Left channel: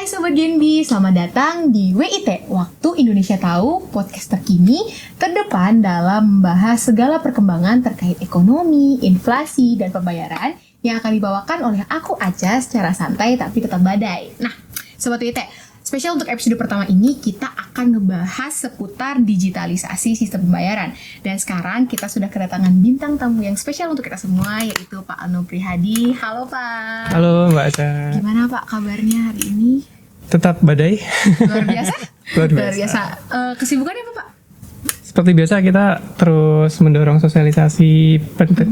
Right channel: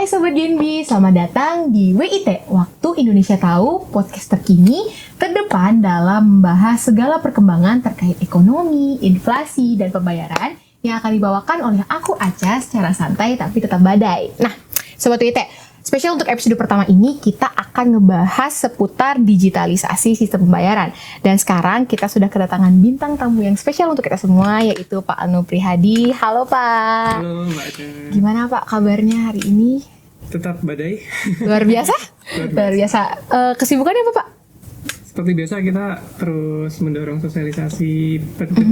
Hai Sobat Genbi, selamat datang di WIT, Waktu Indonesia Tahu, podcast terkini, terdepan dalam membahas segala perkembangan terkait ekonomi, inflasi, dan pembayaran yang akan dibawakan oleh aku Aca secara santai tapi tetap badai. Nah, Sobat WIT, spesial untuk episode pertama ini kita akan ngebahas seputar digitalisasi sistem pembayaran. Dan sekarang kita sudah kedatangan bintang tamu yang spesial untuk kita semua, yaitu Pak Anu Prihadi. Halo Pak. Halo Mbak Aca. Gimana Pak kabarnya hari ini? Tetap badai. Luar biasa? Luar biasa. Kesibukannya apa Pak? Seperti biasa kita terus mendorong sosialisasi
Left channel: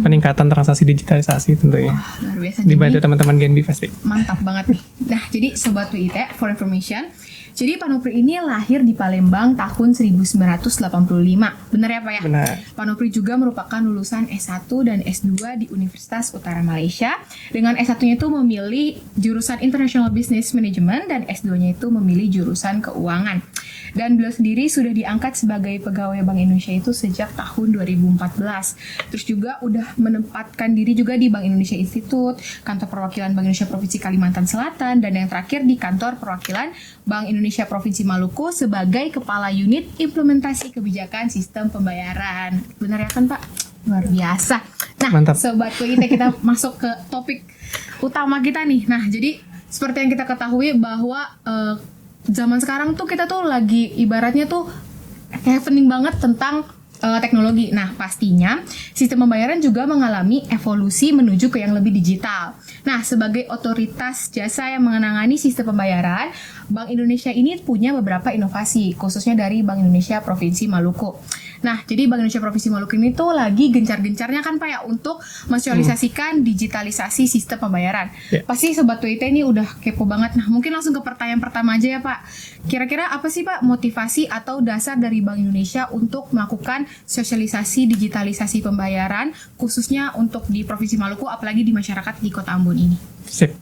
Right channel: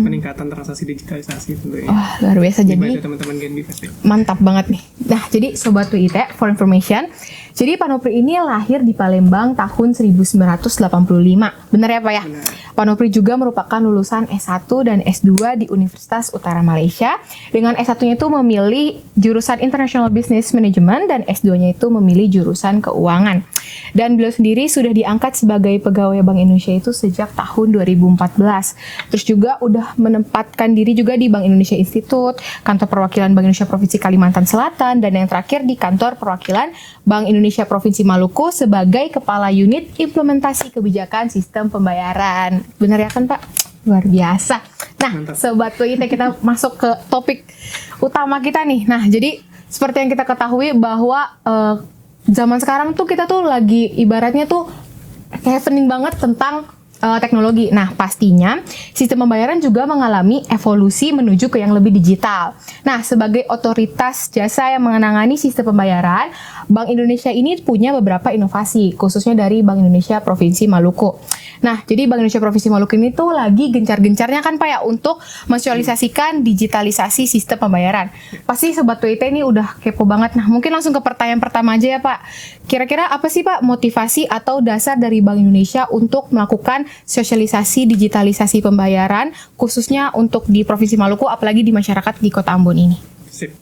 peningkatan transaksi digitalisasi tentunya. Wah, luar biasa. Dibantu teman-teman Genbi pasti. Mantap banget nih. Nah, jadi Sobat WIT, for information, jadi Pak Nopri ini lahir di Palembang tahun 1985. Benar ya Pak ya? Benar. Pak Nopri juga merupakan lulusan S1 dan S2 di Universitas Utara Malaysia. Dengan S1-nya itu memilih jurusan International Business Management dan S2-nya itu memilih jurusan keuangan. Dan beliau sendiri sudah diangkat sebagai pegawai Bank Indonesia itu sejak tahun 2014. Terus juga udah menempatkan diri juga di Bank Indonesia Institute, kantor perwakilan Bank Indonesia Provinsi Kalimantan Selatan, dan yang terakhir di kantor perwakilan Bank Indonesia Provinsi Maluku sebagai Kepala Unit Implementasi Kebijakan Sistem Pembayaran. Benar ya kan Pak? Luar biasa. Nah, Mantap. Sobat WIT, kita masuk ke topik utama kita nih. Nah, jadi seperti yang kita ketahui bahwa zaman sekarang tuh kita tuh lagi ibaratnya tuh happening banget tentang teknologi. Nah, pastinya sistem pembayaran juga mengalami evolusi menuju ke yang lebih digital. Nah, sebagai otoritas jasa yang menangani sistem pembayaran, Bank Indonesia ini punya beberapa inovasi, khususnya dari Bank Indonesia Provinsi Maluku. Nah, jadi Bank Indonesia Provinsi Maluku ini tuh lagi gencar-gencarnya kan Pak ya untuk mensosialisasikan digitalisasi sistem pembayaran. Yeah. Pasti Sobat WIT ini udah kepo banget. Nah, mungkin langsung ke pertanyaan pertama aja ya Pak. Kira-kira apa sih Pak motivasi atau dasar dari Bank Indonesia untuk melakukan sosialisasi digitalisasi pembayaran, khususnya untuk di Provinsi Maluku, apalagi di masyarakat di Kota Ambon ini? Sip.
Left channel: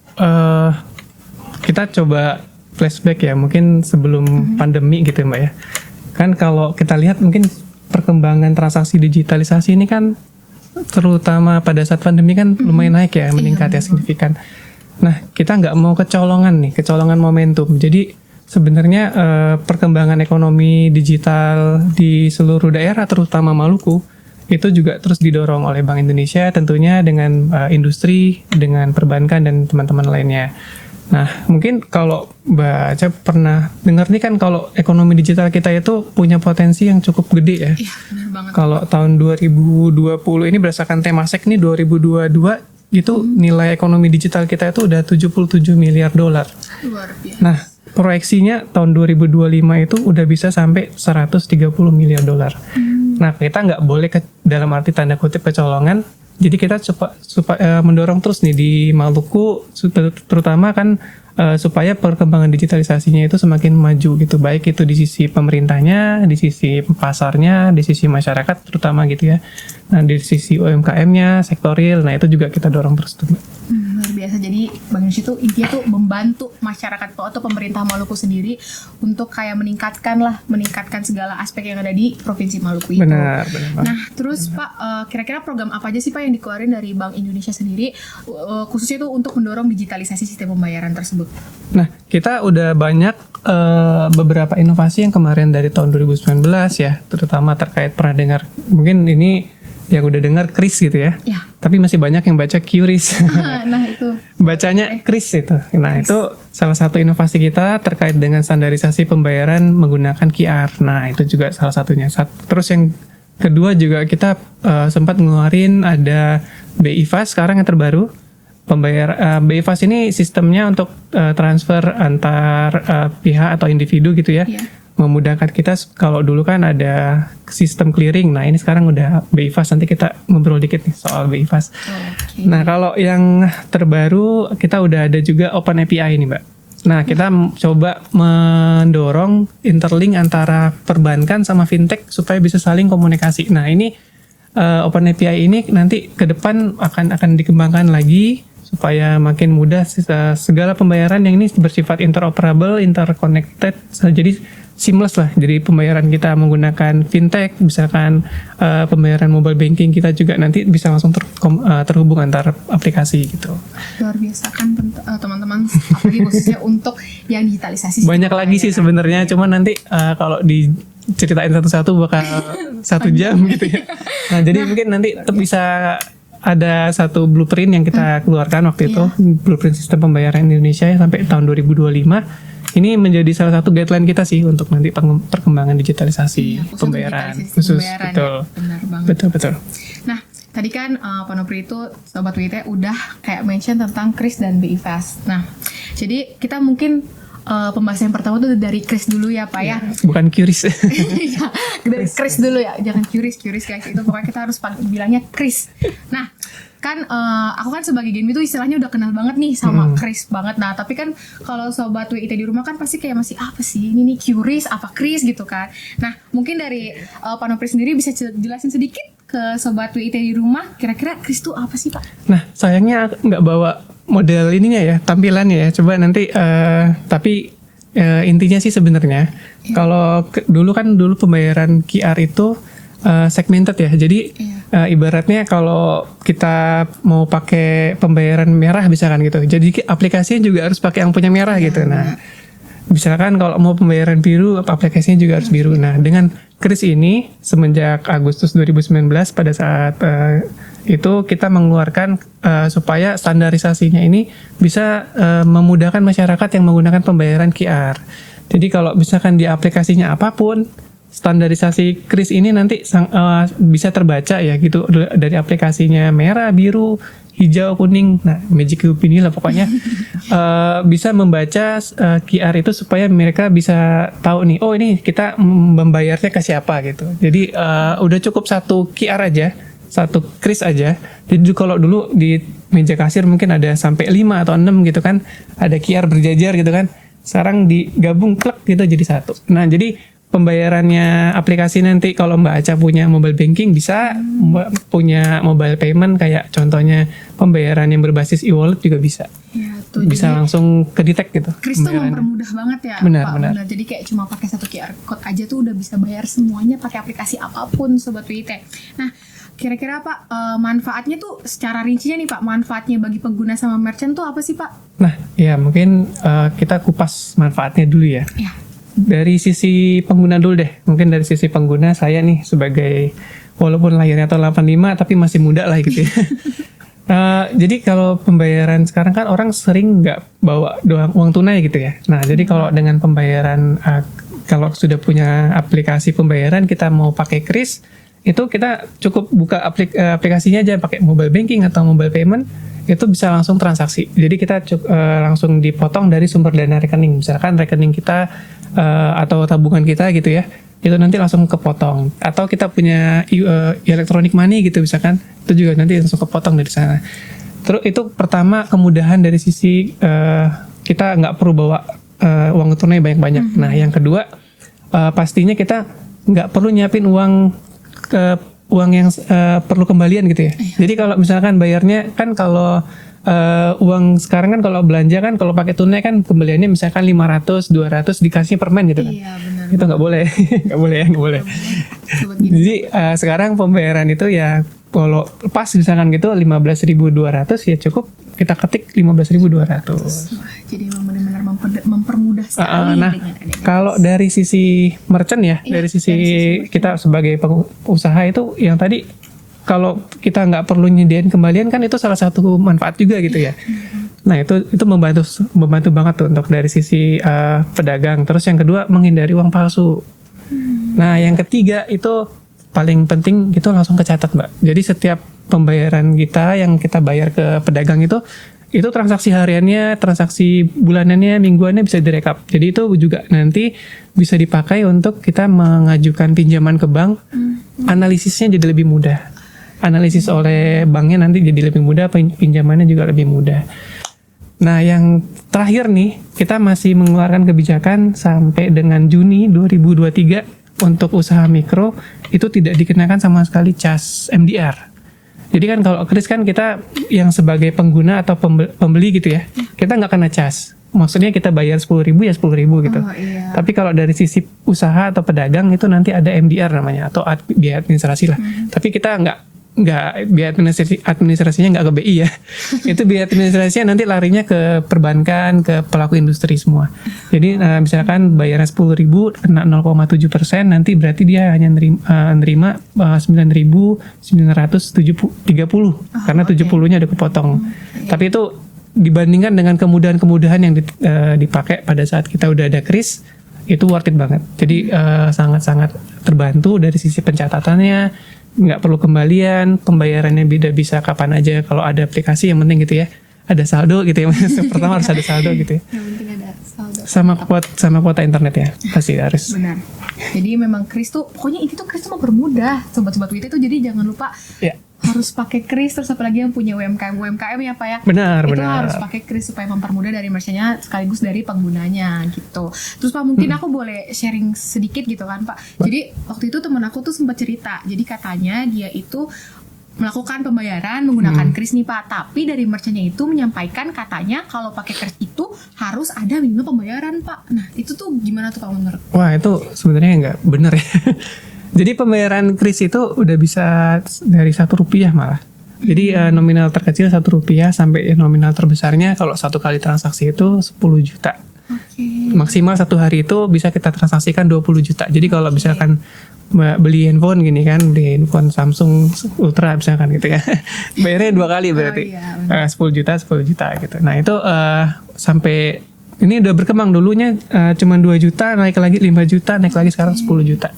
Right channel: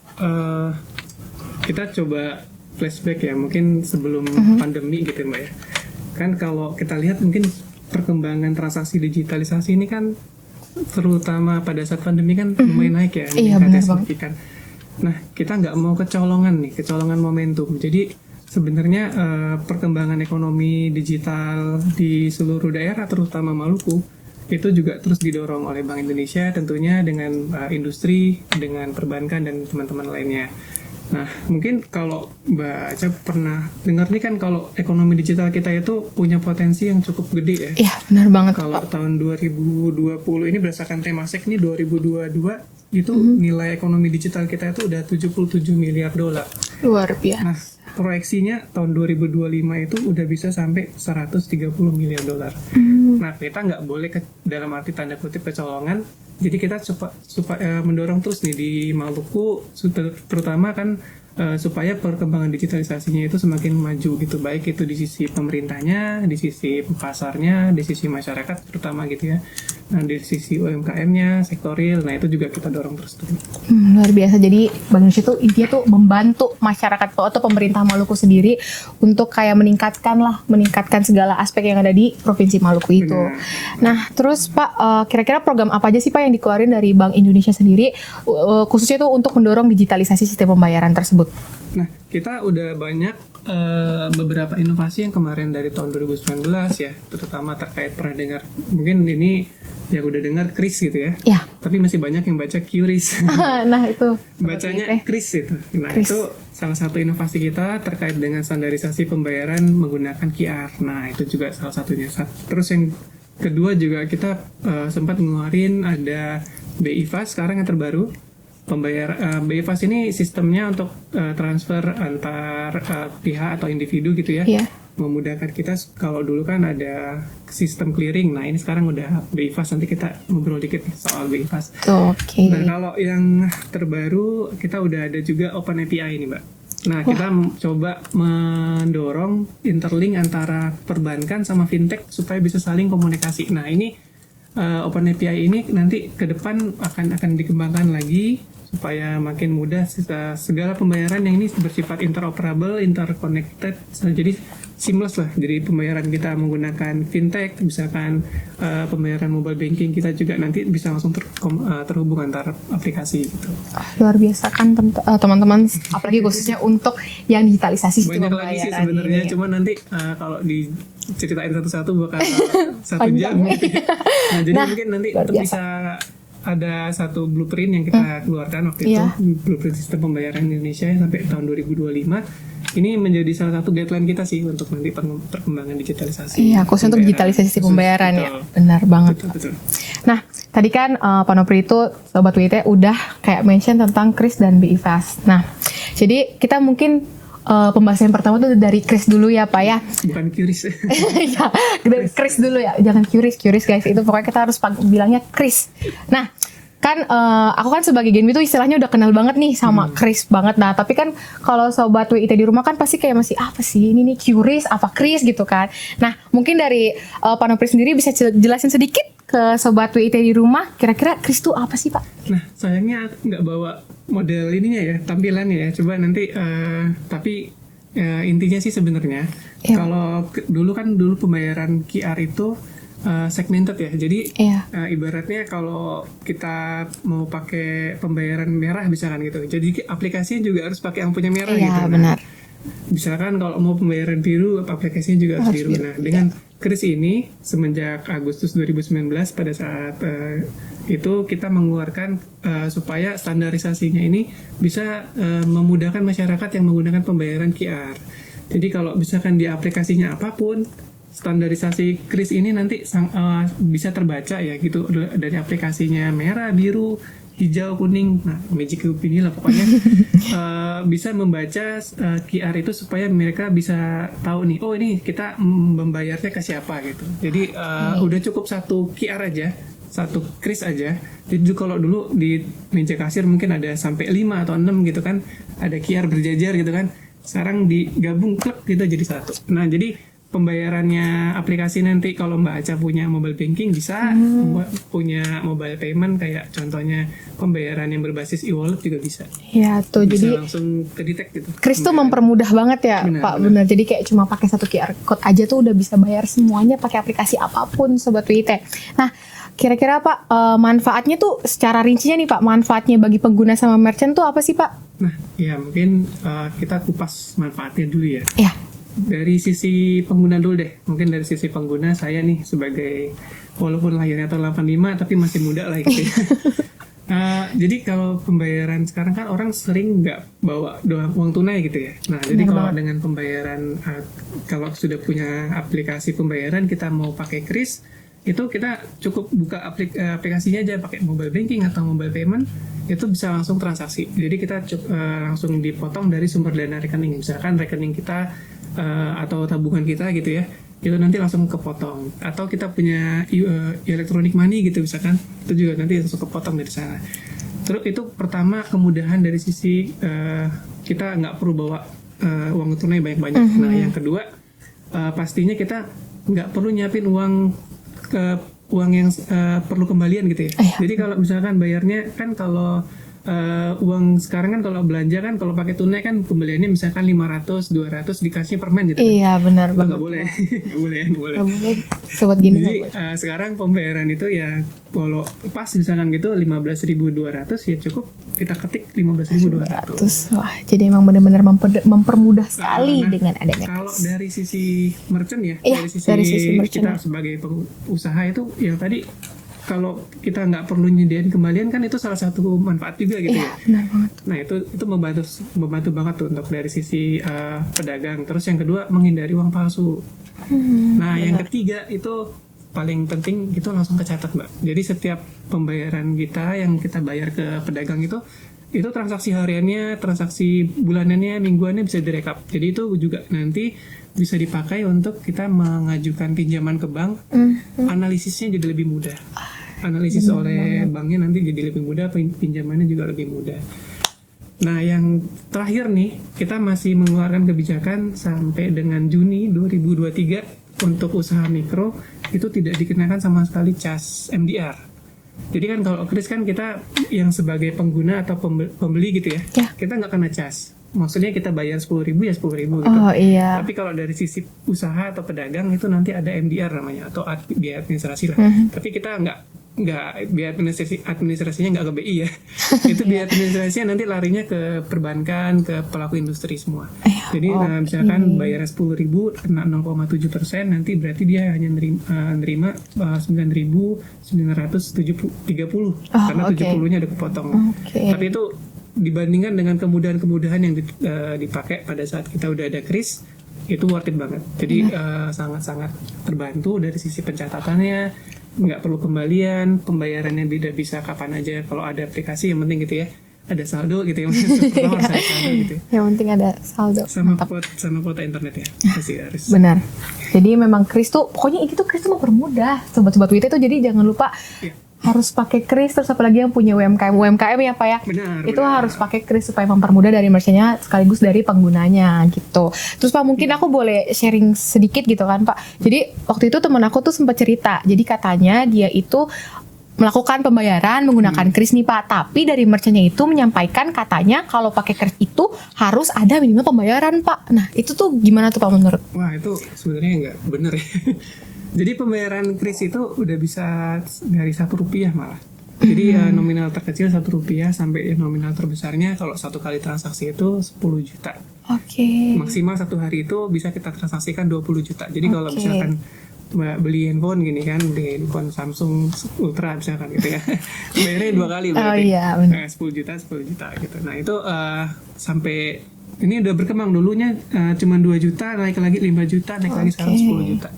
Kita coba flashback ya, mungkin sebelum pandemi gitu Mbak ya. Kan kalau kita lihat mungkin perkembangan transaksi digitalisasi ini kan terutama pada saat pandemi kan lumayan naik ya, meningkat ya signifikan. Nah, kita nggak mau kecolongan momentum. Jadi sebenarnya perkembangan ekonomi digital di seluruh daerah, terutama Maluku, itu juga terus didorong oleh Bank Indonesia tentunya dengan industri, dengan perbankan dan teman-teman lainnya. Nah, mungkin kalau Mbak Aca pernah dengar nih kan kalau ekonomi digital kita itu punya potensi yang cukup gede ya. Iya, benar banget. Kalau tahun 2020 ini berdasarkan Temasek nih 2022 itu nilai ekonomi digital kita itu udah 77 miliar dolar. Luar biasa. Nah, proyeksinya tahun 2025 itu udah bisa sampai 130 miliar dolar. Nah, kita nggak boleh dalam arti tanda kutip kecolongan. Jadi kita supaya mendorong terus nih di Maluku, terutama kan supaya perkembangan digitalisasinya itu semakin maju gitu. Baik itu di sisi pemerintahnya, di sisi pasarnya, di sisi masyarakat terutama gitu ya. Nah, di sisi UMKM-nya, sektor real, nah itu juga kita dorong terus tuh. Luar biasa. Jadi Bank Indonesia tuh intinya tuh membantu masyarakat atau pemerintah Maluku sendiri untuk kayak meningkatkan segala aspek yang ada di Provinsi Maluku itu. Benar. Nah, terus Pak, kira-kira program apa aja sih Pak yang dikeluarin dari Bank Indonesia sendiri, khususnya tuh untuk mendorong digitalisasi sistem pembayaran tersebut? Nah, kita udah banyak beberapa inovasi yang kemarin dari tahun 2019 ya, terutama terkait pernah dengar, mungkin ini yang udah dengar Kris gitu ya. Ya. Tapi masih banyak yang baca QRIS. Nah, itu. Bacanya Kris itu. Nah, itu salah satu inovasi kita terkait dengan standarisasi pembayaran menggunakan QR. Nah, itu juga salah satunya. Terus yang kedua juga kita sempat ngeluarin ada BI Fast sekarang yang terbaru. BI Fast ini sistemnya untuk transfer antar pihak atau individu gitu ya. Iya. Memudahkan kita. Kalau dulu kan ada sistem clearing, nah ini sekarang udah BI Fast. Nanti kita ngobrol dikit nih soal BI Fast. Oke. Nah, kalau yang terbaru kita udah ada juga Open API nih Mbak. Nah, kita coba mendorong interlink antara perbankan sama fintech supaya bisa saling komunikasi. Nah, ini Open API ini nanti ke depan akan dikembangkan lagi supaya makin mudah segala pembayaran yang ini bersifat interoperable, interconnected. Jadi seamless lah. Jadi pembayaran kita menggunakan fintech, misalkan pembayaran mobile banking kita juga nanti bisa langsung terhubung antar aplikasi gitu. Luar biasa kan teman-teman, apalagi khususnya untuk yang digitalisasi. Banyak lagi sih sebenarnya, cuman nanti kalau diceritain satu-satu bakal 1 jam gitu ya. Nah, jadi mungkin nanti tetap bisa ada satu blueprint yang kita keluarkan waktu itu, blueprint sistem pembayaran Indonesia sampai tahun 2025. Ini menjadi salah satu guideline kita sih untuk nanti perkembangan digitalisasi. Iya, khusus untuk digitalisasi pembayaran ya. Benar banget. Betul. Nah, tadi kan Pak Nopri itu Sobat WIT udah kayak mention tentang Kris dan BI Fast. Nah, jadi kita mungkin pembahasan pertama tuh dari Kris dulu ya Pak ya. Bukan Qris. Ya, dari Kris dulu ya. Jangan Qris guys. Itu pokoknya kita harus bilangnya Kris. Nah, kan aku kan sebagai Genbi tuh istilahnya udah kenal banget nih sama Kris banget. Nah, tapi kan kalau Sobat WIT di rumah kan pasti kayak masih apa sih ini nih Qris apa Kris gitu kan. Nah, mungkin dari Pak Nopri sendiri bisa jelasin sedikit ke Sobat WIT di rumah kira-kira Kris tuh apa sih Pak? Nah, sayangnya aku nggak bawa model ininya ya, tampilannya ya. Coba nanti tapi intinya sih sebenarnya kalau dulu pembayaran QR itu segmented ya. Jadi ibaratnya kalau kita mau pakai pembayaran merah misalkan gitu. Jadi aplikasinya juga harus pakai yang punya merah gitu. Nah, misalkan kalau mau pembayaran biru, aplikasinya juga harus biru. Nah, dengan Kris ini semenjak Agustus 2019 pada saat itu kita mengeluarkan supaya standarisasinya ini bisa memudahkan masyarakat yang menggunakan pembayaran QR. Jadi kalau misalkan di aplikasinya apapun, standarisasi Kris ini nanti bisa terbaca ya gitu dari aplikasinya merah, biru, hijau, kuning. Nah, Magic Cube ini lah pokoknya bisa membaca QR itu supaya mereka bisa tahu nih, oh ini kita membayarnya ke siapa gitu. Jadi udah cukup satu QR aja, satu Kris aja. Jadi kalau dulu di meja kasir mungkin ada sampai 5 atau 6 gitu kan, ada QR berjajar gitu kan. Sekarang digabung klek gitu jadi satu. Nah, jadi pembayarannya aplikasi nanti kalau Mbak Aca punya mobile banking bisa, Mbak punya mobile payment kayak contohnya pembayaran yang berbasis e-wallet juga bisa. Ya, tuh bisa jadi langsung ke detect gitu. Kris tuh mempermudah banget ya Pak. Benar. Jadi kayak cuma pakai satu QR code aja tuh udah bisa bayar semuanya pakai aplikasi apapun Sobat WIT. Nah, kira-kira Pak manfaatnya tuh secara rincinya nih Pak, manfaatnya bagi pengguna sama merchant tuh apa sih Pak? Nah, ya mungkin kita kupas manfaatnya dulu ya. Iya. Dari sisi pengguna dulu deh. Mungkin dari sisi pengguna saya nih sebagai walaupun lahirnya tahun 85 tapi masih muda lah gitu ya. Jadi kalau pembayaran sekarang kan orang sering nggak bawa uang tunai gitu ya. Nah, jadi kalau dengan pembayaran kalau sudah punya aplikasi pembayaran kita mau pakai Kris, itu kita cukup buka aplikasinya aja pakai mobile banking atau mobile payment, itu bisa langsung transaksi. Jadi kita langsung dipotong dari sumber dana rekening. Misalkan rekening kita atau tabungan kita gitu ya, itu nanti langsung kepotong. Atau kita punya electronic money gitu misalkan, itu juga nanti langsung kepotong dari sana. Terus itu pertama kemudahan dari sisi kita nggak perlu bawa uang tunai banyak-banyak. Nah, yang kedua pastinya kita nggak perlu nyiapin uang yang perlu kembalian gitu ya. Jadi kalau misalkan bayarnya kan kalau uang sekarang kan kalau belanja kan kalau pakai tunai kan kembaliannya misalkan 500, 200 dikasih permen gitu kan. Iya, benar. Itu nggak boleh. nggak boleh. Sobat gini. Jadi sekarang pembayaran itu ya kalau pas misalkan gitu 15.200 ya cukup kita ketik 15.200. Wah, jadi emang benar-benar mempermudah sekali dengan adanya. Kalau dari sisi merchant ya, dari sisi kita sebagai pengusaha itu yang tadi kalau kita nggak perlu nyediain kembalian kan itu salah satu manfaat juga gitu ya. Nah itu membantu banget tuh untuk dari sisi pedagang. Terus yang kedua menghindari uang palsu. Nah yang ketiga itu paling penting itu langsung kecatat Mbak. Jadi setiap pembayaran kita yang kita bayar ke pedagang itu transaksi hariannya, transaksi bulanannya, mingguannya bisa direkap. Jadi itu juga nanti bisa dipakai untuk kita mengajukan pinjaman ke bank. Analisisnya jadi lebih mudah. Analisis oleh banknya nanti jadi lebih mudah, pinjamannya juga lebih mudah. Nah, yang terakhir nih, kita masih mengeluarkan kebijakan sampai dengan Juni 2023 untuk usaha mikro itu tidak dikenakan sama sekali cas MDR. Jadi kan kalau Kris kan kita yang sebagai pengguna atau pembeli gitu ya, kita nggak kena cas. maksudnya kita bayar 10.000 ya 10.000 gitu. Oh iya. Tapi kalau dari sisi usaha atau pedagang itu nanti ada MDR namanya atau biaya administrasi lah. Tapi kita nggak biaya administrasinya nggak ke BI ya. Itu biaya administrasinya nanti larinya ke perbankan, ke pelaku industri semua. Jadi misalkan bayarnya 10.000 kena 0,7%, nanti berarti dia hanya nerima 9.930 karena 70-nya udah kepotong. Tapi itu dibandingkan dengan kemudahan-kemudahan yang dipakai pada saat kita udah ada kris, itu worth it banget. Jadi sangat-sangat terbantu dari sisi pencatatannya, nggak perlu kembalian, pembayarannya bisa kapan aja kalau ada aplikasi, yang penting gitu ya, ada saldo gitu ya. Pertama harus ada saldo gitu ya. Yang penting ada saldo. Sama kuota internet ya, pasti harus. Benar. Jadi memang kris tuh, pokoknya ini tuh kris tuh mempermudah sobat-sobat WIT tuh, jadi jangan lupa harus pakai kris. Terus apalagi yang punya UMKM ya Pak ya. Benar. Itu harus pakai kris supaya mempermudah dari merchantnya sekaligus dari penggunanya gitu. Terus Pak mungkin aku boleh sharing sedikit gitu kan Pak. Jadi waktu itu teman aku tuh sempat cerita. Jadi katanya dia itu melakukan pembayaran menggunakan kris nih Pak. Tapi dari merchantnya itu menyampaikan katanya kalau pakai kris itu harus ada minimal pembayaran Pak. Nah itu tuh gimana tuh Pak menurut? Wah itu sebenarnya nggak bener ya. Jadi pembayaran kris itu udah bisa dari Rp1 malah. Jadi nominal terkecil Rp1 sampai nominal terbesarnya kalau satu kali transaksi itu 10 juta. Maksimal satu hari itu bisa kita transaksikan 20 juta. Jadi kalau misalkan beli handphone gini kan, beli handphone Samsung Ultra misalkan gitu ya, bayarnya 2 kali berarti. 10 juta gitu. Nah itu sampai ini udah berkembang, dulunya cuma 2 juta, naik lagi 5 juta, naik lagi sekarang 10 juta.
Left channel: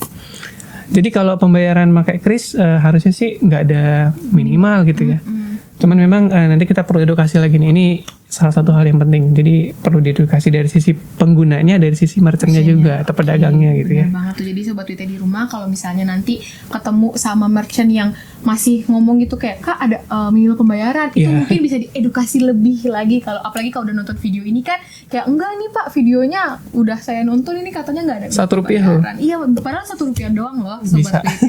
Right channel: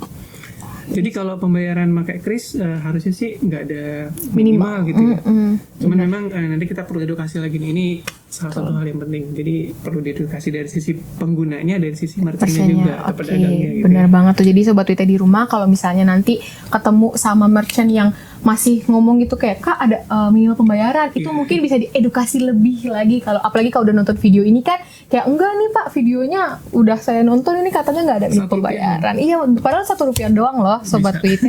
Jadi kalau pembayaran pakai kris harusnya sih nggak ada minimal gitu ya. Cuman memang nanti kita perlu edukasi lagi nih. Ini salah satu hal yang penting. Jadi perlu diedukasi dari sisi penggunanya, dari sisi merchantnya juga atau pedagangnya gitu. Benar banget tuh. Jadi sobat WIT di rumah kalau misalnya nanti ketemu sama merchant yang masih ngomong gitu kayak Kak ada minimal pembayaran, itu mungkin bisa diedukasi lebih lagi. Kalau apalagi kalau udah nonton video ini kan kayak enggak nih Pak, videonya udah saya nonton ini katanya nggak ada minimal pembayaran. Iya, padahal Rp1 doang loh sobat WIT.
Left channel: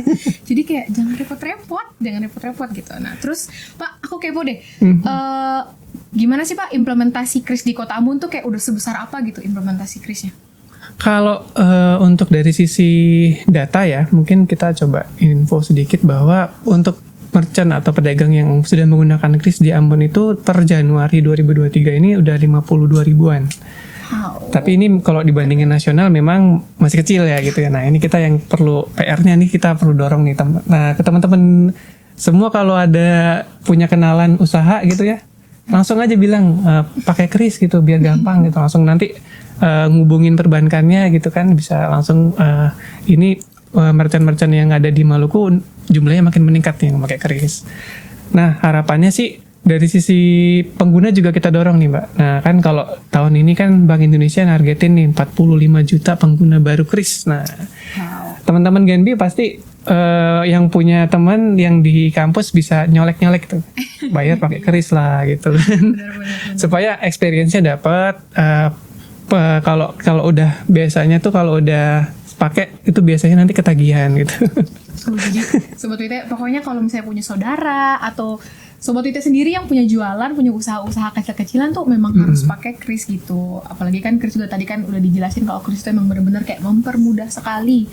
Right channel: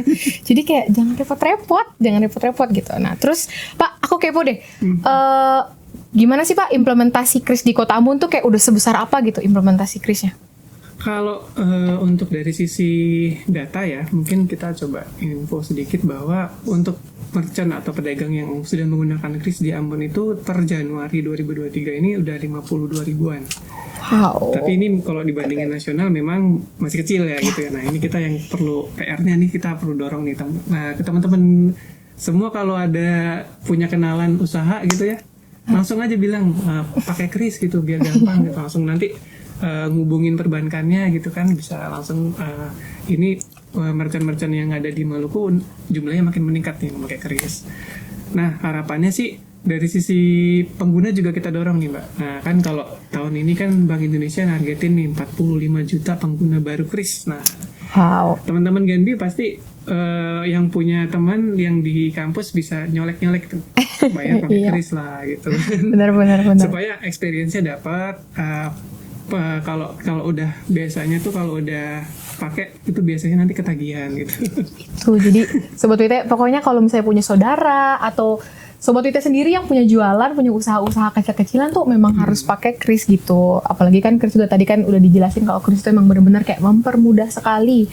Jadi kayak jangan repot-repot gitu. Nah terus Pak aku kepo deh. Gimana sih Pak implementasi kris di Kota Ambon tuh kayak udah sebesar apa gitu implementasi krisnya? Kalau untuk dari sisi data ya, mungkin kita coba info sedikit bahwa untuk merchant atau pedagang yang sudah menggunakan kris di Ambon itu per Januari 2023 ini udah 52 ribuan. Wow. Tapi ini kalau dibandingin nasional memang masih kecil ya gitu ya. Nah ini kita yang perlu PR-nya nih, kita perlu dorong nih ke teman-teman semua, kalau ada punya kenalan usaha gitu ya, langsung aja bilang pakai kris gitu biar gampang gitu, langsung nanti ngubungin perbankannya gitu kan, bisa langsung ini merchant-merchant yang ada di Maluku jumlahnya makin meningkat yang pakai kris. Nah harapannya sih dari sisi pengguna juga kita dorong nih Mbak. Nah kan kalau tahun ini kan Bank Indonesia nargetin nih 45 juta pengguna baru kris. Nah teman-teman Genbi pasti yang punya teman yang di kampus bisa nyolek-nyolek tuh, bayar pakai kris lah gitu. Benar. Supaya experience-nya dapat. Kalau udah biasanya tuh kalau udah pakai itu biasanya nanti ketagihan gitu. Itu jadi sobat WIT pokoknya kalau misalnya punya saudara atau sobat WIT sendiri yang punya jualan, punya usaha-usaha kecil-kecilan tuh memang harus pakai kris gitu. Apalagi kan kris juga tadi kan udah dijelasin kalau kris itu emang benar-benar kayak mempermudah sekali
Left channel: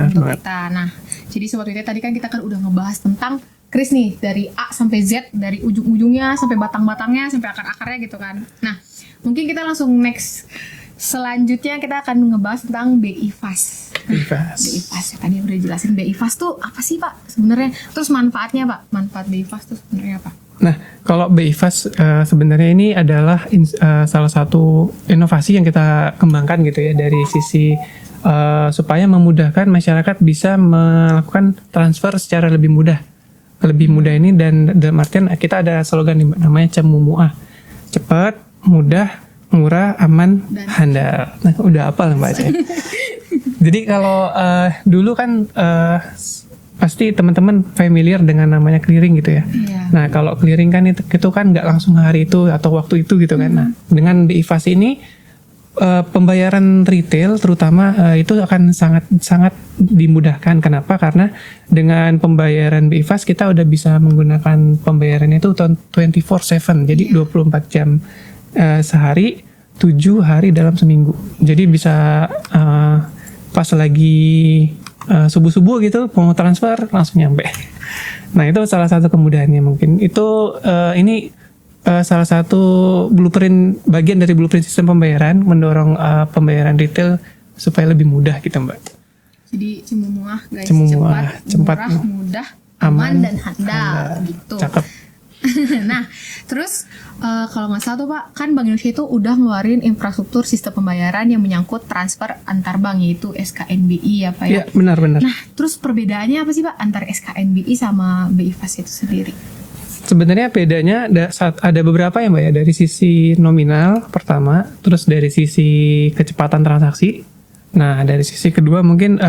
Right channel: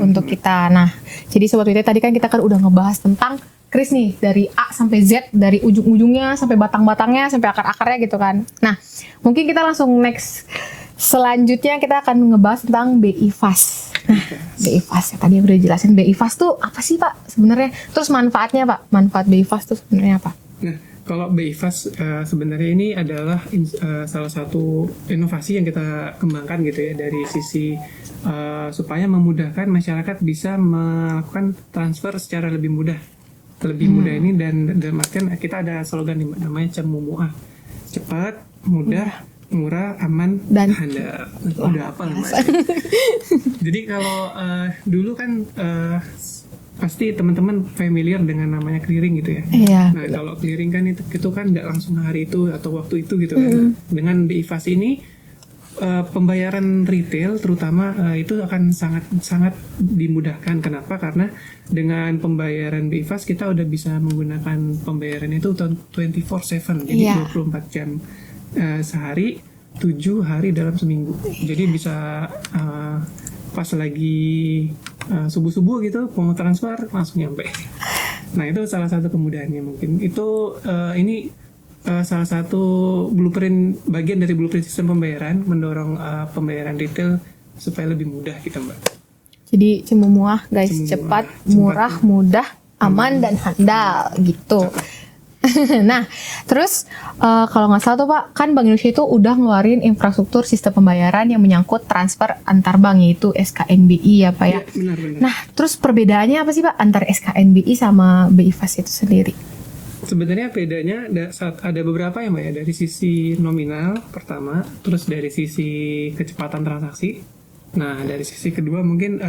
untuk kita. Nah, jadi sobat WIT tadi kan kita kan udah ngebahas tentang kris nih dari A sampai Z, dari ujung-ujungnya sampai batang-batangnya sampai akar-akarnya gitu kan. Nah, mungkin kita langsung next. Selanjutnya kita akan ngebahas tentang BI Fast. BI Fast tadi udah jelasin BI Fast tuh apa sih Pak sebenarnya? Terus manfaatnya Pak, manfaat BI Fast tuh sebenarnya apa? Nah kalau BI Fast sebenarnya ini adalah salah satu inovasi yang kita kembangkan gitu ya, dari sisi supaya memudahkan masyarakat bisa melakukan transfer secara lebih mudah. Lebih mudah ini dan dalam artian kita ada slogan namanya Cemumuah, cepat, mudah, murah, aman, dan handal. Nah, udah apa lah Mbak? Jadi kalau dulu kan pasti teman-teman familiar dengan namanya clearing gitu ya. Nah, kalau clearing kan itu kan nggak langsung hari itu atau waktu itu gitu kan. Nah, dengan BI Fast ini pembayaran retail terutama itu akan sangat dimudahkan. Kenapa? Karena dengan pembayaran BI Fast kita udah bisa menggunakan pembayaran itu 24/7. Jadi 24 jam sehari 7 hari dalam seminggu. Jadi bisa pas lagi subuh-subuh gitu mau transfer langsung nyampe. Nah itu salah satu kemudahannya mungkin. Itu ini salah satu bagian dari blueprint sistem pembayaran mendorong pembayaran retail supaya lebih mudah gitu Mbak. Jadi Cemumuah guys, Cemumuah, cepat, murah, mudah, aman dan handal gitu. Cakep. Nah, terus kalau nggak salah tuh Pak, kan Bank Indonesia itu udah ngeluarin infrastruktur sistem pembayaran yang menyangkut transfer antar bank, yaitu SKNBI ya Pak ya. Ya benar-benar. Nah, terus perbedaannya apa sih Pak antara SKNBI sama BI Fast itu sendiri? Sebenarnya bedanya ada beberapa ya Mbak ya, dari sisi nominal pertama, terus dari sisi kecepatan transaksi. Nah, dari sisi kedua mungkin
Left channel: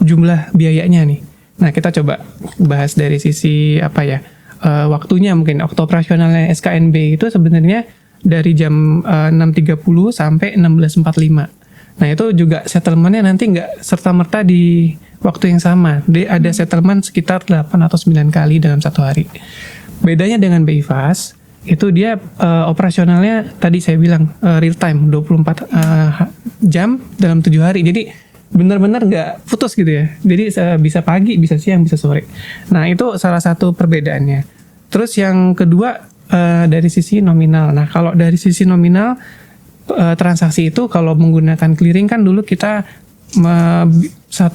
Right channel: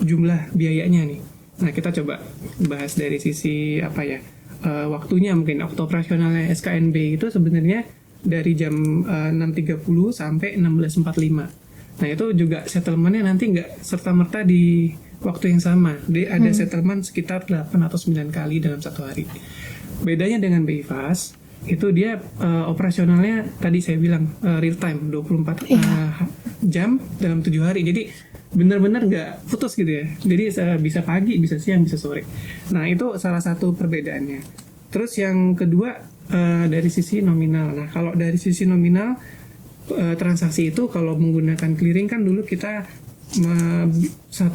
jumlah biayanya nih. Nah, kita coba bahas dari sisi apa ya? Waktunya mungkin waktu operasionalnya SKNB itu sebenarnya dari jam 6.30 sampai 16.45. Nah itu juga settlementnya nanti nggak serta-merta di waktu yang sama. Dia ada settlement sekitar 8 atau 9 kali dalam satu hari. Bedanya dengan BI Fast, itu dia operasionalnya tadi saya bilang real time 24 jam dalam 7 hari. Jadi benar-benar nggak putus gitu ya. Jadi bisa pagi, bisa siang, bisa sore. Nah itu salah satu perbedaannya. Terus yang kedua dari sisi nominal. Nah kalau dari sisi nominal transaksi itu kalau menggunakan clearing kan dulu kita 1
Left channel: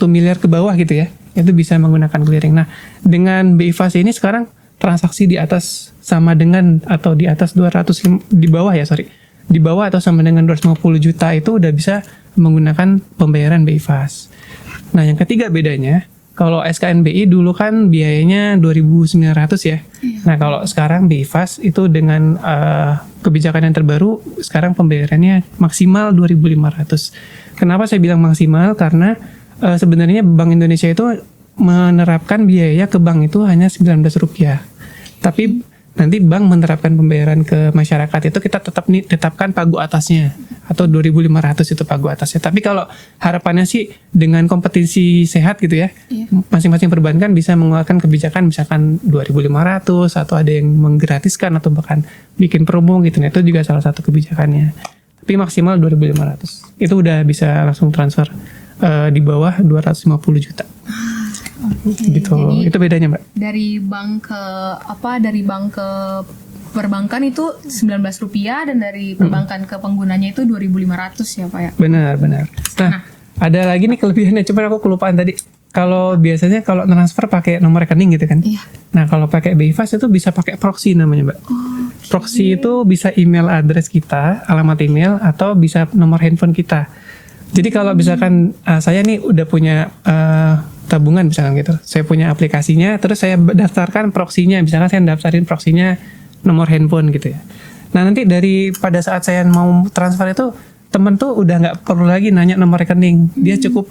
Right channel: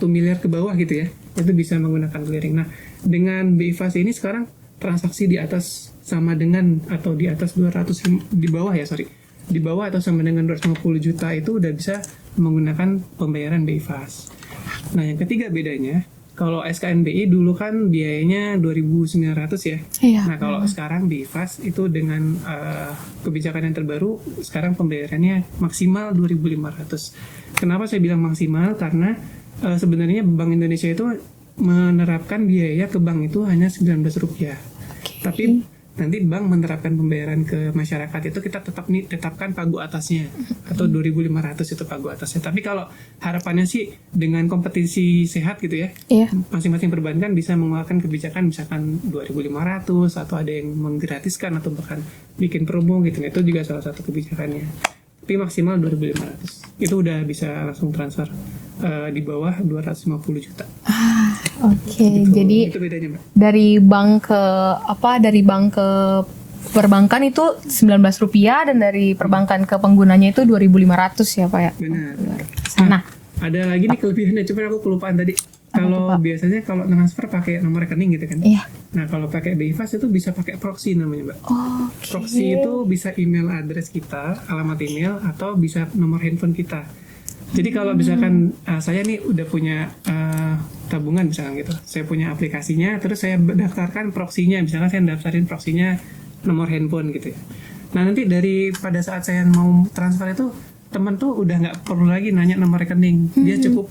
miliar ke bawah gitu ya. Itu bisa menggunakan clearing. Nah dengan BI Fast ini sekarang transaksi di atas sama dengan atau di atas 200 di bawah ya sorry. Di bawah atau sama dengan 250 juta itu udah bisa menggunakan pembayaran BI Fast. Nah, yang ketiga bedanya, kalau SKNBI dulu kan biayanya 2.900 ya. Iya. Nah, kalau sekarang BI Fast itu dengan kebijakan yang terbaru, sekarang pembayarannya maksimal 2.500. Kenapa saya bilang maksimal? Karena sebenarnya Bank Indonesia itu menerapkan biaya ke bank itu hanya Rp19. Tapi nanti bank menerapkan pembayaran ke masyarakat itu kita tetapkan pagu atasnya atau 2.500 itu pagu atasnya. Tapi kalau harapannya sih dengan kompetisi sehat gitu ya, masing-masing perbankan bisa mengeluarkan kebijakan misalkan 2.500 atau ada yang menggratiskan atau bahkan bikin promo gitu. Nah, itu juga salah satu kebijakannya. Tapi maksimal 2.500. Itu udah bisa langsung transfer di bawah 250 juta. Oke, Gitu. jadi Itu bedanya Mbak. dari bank ke perbankan itu Rp19 dan dari perbankan ke penggunanya itu 2.500 ya Pak ya. Benar. Nah, ada lagi nih kelebihannya, cuman aku kelupaan tadi. Kalau biasanya kalau transfer pakai nomor rekening gitu kan. Iya. Nah, kalau pakai BI Fast itu bisa pakai proxy namanya, Mbak. Proxy itu bisa email address kita, alamat email atau bisa nomor handphone kita. Jadi kalau misalkan saya nih udah punya tabungan misalkan gitu, saya punya aplikasinya, terus saya daftarkan proxy-nya, misalkan saya daftarin proxy-nya nomor handphone gitu ya. Nah nanti pada saat saya mau transfer itu, temen tuh udah nggak perlu lagi nanya nomor rekening, dia cukup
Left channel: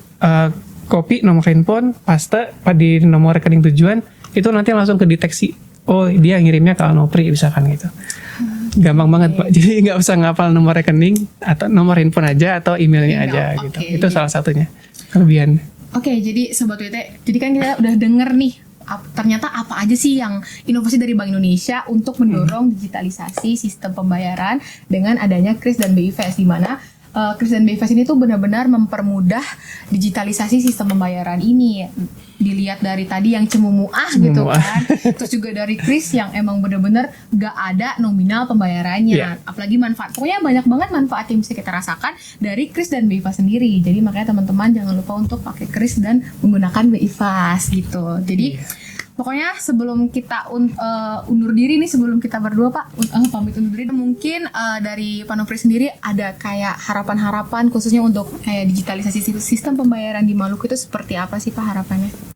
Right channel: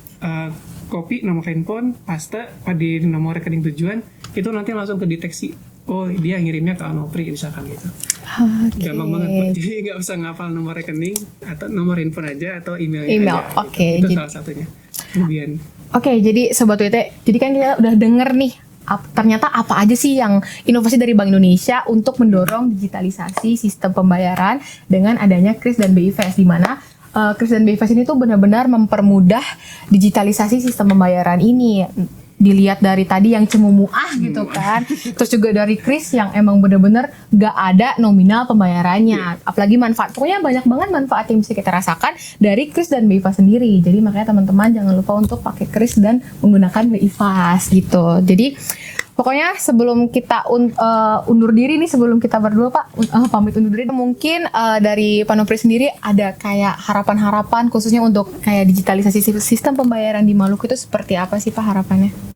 copy nomor handphone, paste di nomor rekening tujuan, itu nanti langsung kedeteksi, oh dia ngirimnya ke Anopri misalkan gitu. Gampang banget Pak, jadi nggak usah ngapal nomor rekening atau nomor handphone aja atau emailnya aja gitu. Itu salah satunya kelebihan. Oke, jadi Sobat WT, jadi kan kita udah denger nih ternyata apa aja sih yang inovasi dari Bank Indonesia untuk mendorong digitalisasi sistem pembayaran dengan adanya KRIS dan BI Fast, di mana KRIS dan BI Fast ini tuh benar-benar mempermudah digitalisasi sistem pembayaran ini. Dilihat dari tadi yang Cemumuah gitu kan, terus juga dari KRIS yang emang bener-bener gak ada nominal pembayarannya, apalagi manfaat, pokoknya banyak banget manfaat yang bisa kita rasakan dari KRIS dan BI Fast sendiri. Jadi makanya teman-teman jangan lupa untuk pakai KRIS dan menggunakan BI Fast gitu. Jadi pokoknya sebelum kita undur diri nih, sebelum kita berdua Pak pamit undur diri, mungkin dari Pak Nopri sendiri ada kayak harapan-harapan khususnya untuk kayak digitalisasi sistem pembayaran di Maluku itu seperti apa sih Pak harapannya?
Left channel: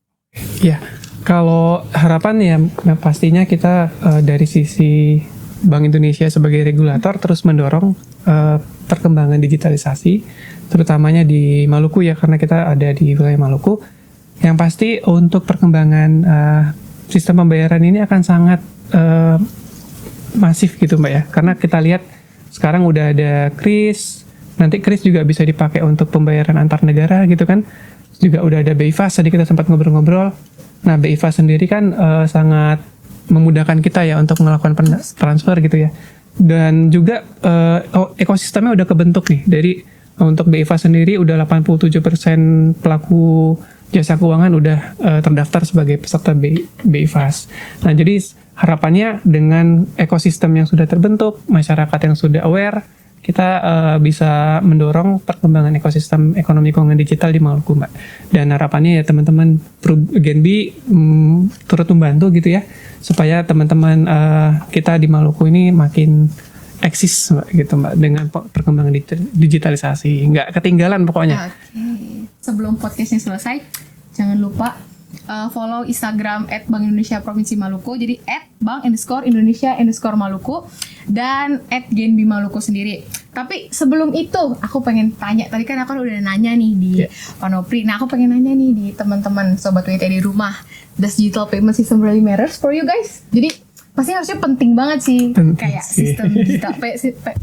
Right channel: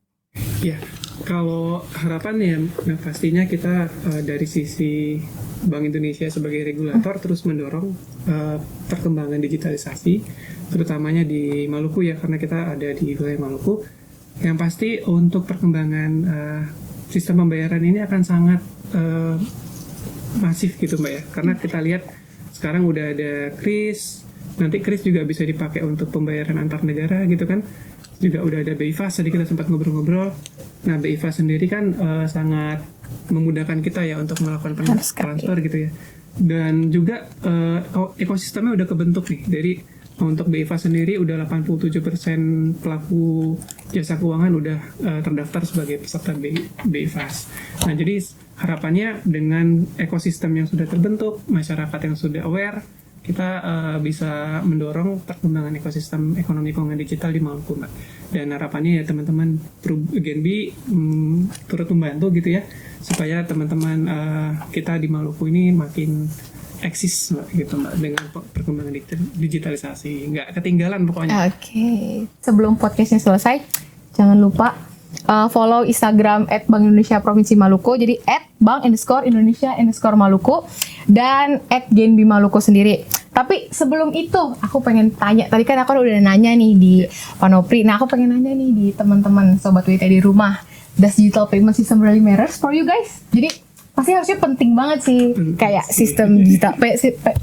Ya, kalau harapan ya pastinya kita dari sisi Bank Indonesia sebagai regulator terus mendorong perkembangan digitalisasi, terutamanya di Maluku ya, karena kita ada di wilayah Maluku. Yang pasti untuk perkembangan sistem pembayaran ini akan sangat masif gitu Mbak ya, karena kita lihat sekarang udah ada KRIS, nanti KRIS juga bisa dipakai untuk pembayaran antar negara gitu kan. Juga udah ada BI Fast, tadi kita sempat ngobrol-ngobrol. Nah BI Fast sendiri kan sangat memudahkan kita ya untuk melakukan transfer gitu ya. Dan juga ekosistemnya udah kebentuk nih. Dari untuk BIFAS sendiri udah 87% pelaku jasa keuangan udah terdaftar sebagai peserta BIFAS. Nah, jadi harapannya dengan ekosistem yang sudah terbentuk, masyarakat yang sudah aware, kita bisa mendorong perkembangan ekosistem ekonomi keuangan digital di Maluku, Mbak. Dan harapannya ya teman-teman Genbi turut membantu gitu ya, supaya teman-teman kita di Maluku ini makin eksis, Mbak, gitu, Mbak, dengan perkembangan digitalisasi. Nggak ketinggalan pokoknya. Oke. Sebelum podcastnya selesai, jangan lupa follow Instagram @Bank Indonesia Provinsi Maluku. Jadi @Bank_Indonesia_Maluku dan @Genbi Maluku sendiri. Tapi sebelum itu, aku pengen tanya. Tadi kan aku udah nanya nih di Panopri. Nah, aku pengen nanya nih di teman-teman Sobat WT di rumah. Does digital payment system really matters for you guys? Jadi pasti harusnya penting banget sih. Kayak sih. sistem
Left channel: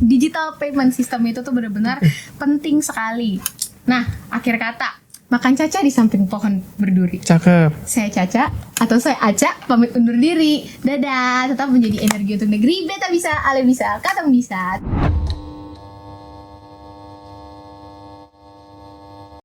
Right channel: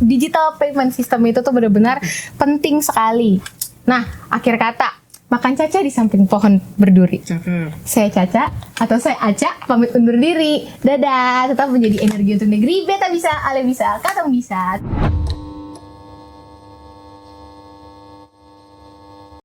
digital payment system itu tuh benar-benar penting sekali. Nah, akhir kata, makan Caca di samping pohon berduri. Cakep. Saya Caca atau saya Aca pamit undur diri. Dadah, tetap menjadi energi untuk negeri. Beta bisa, Ale bisa, kadang bisa.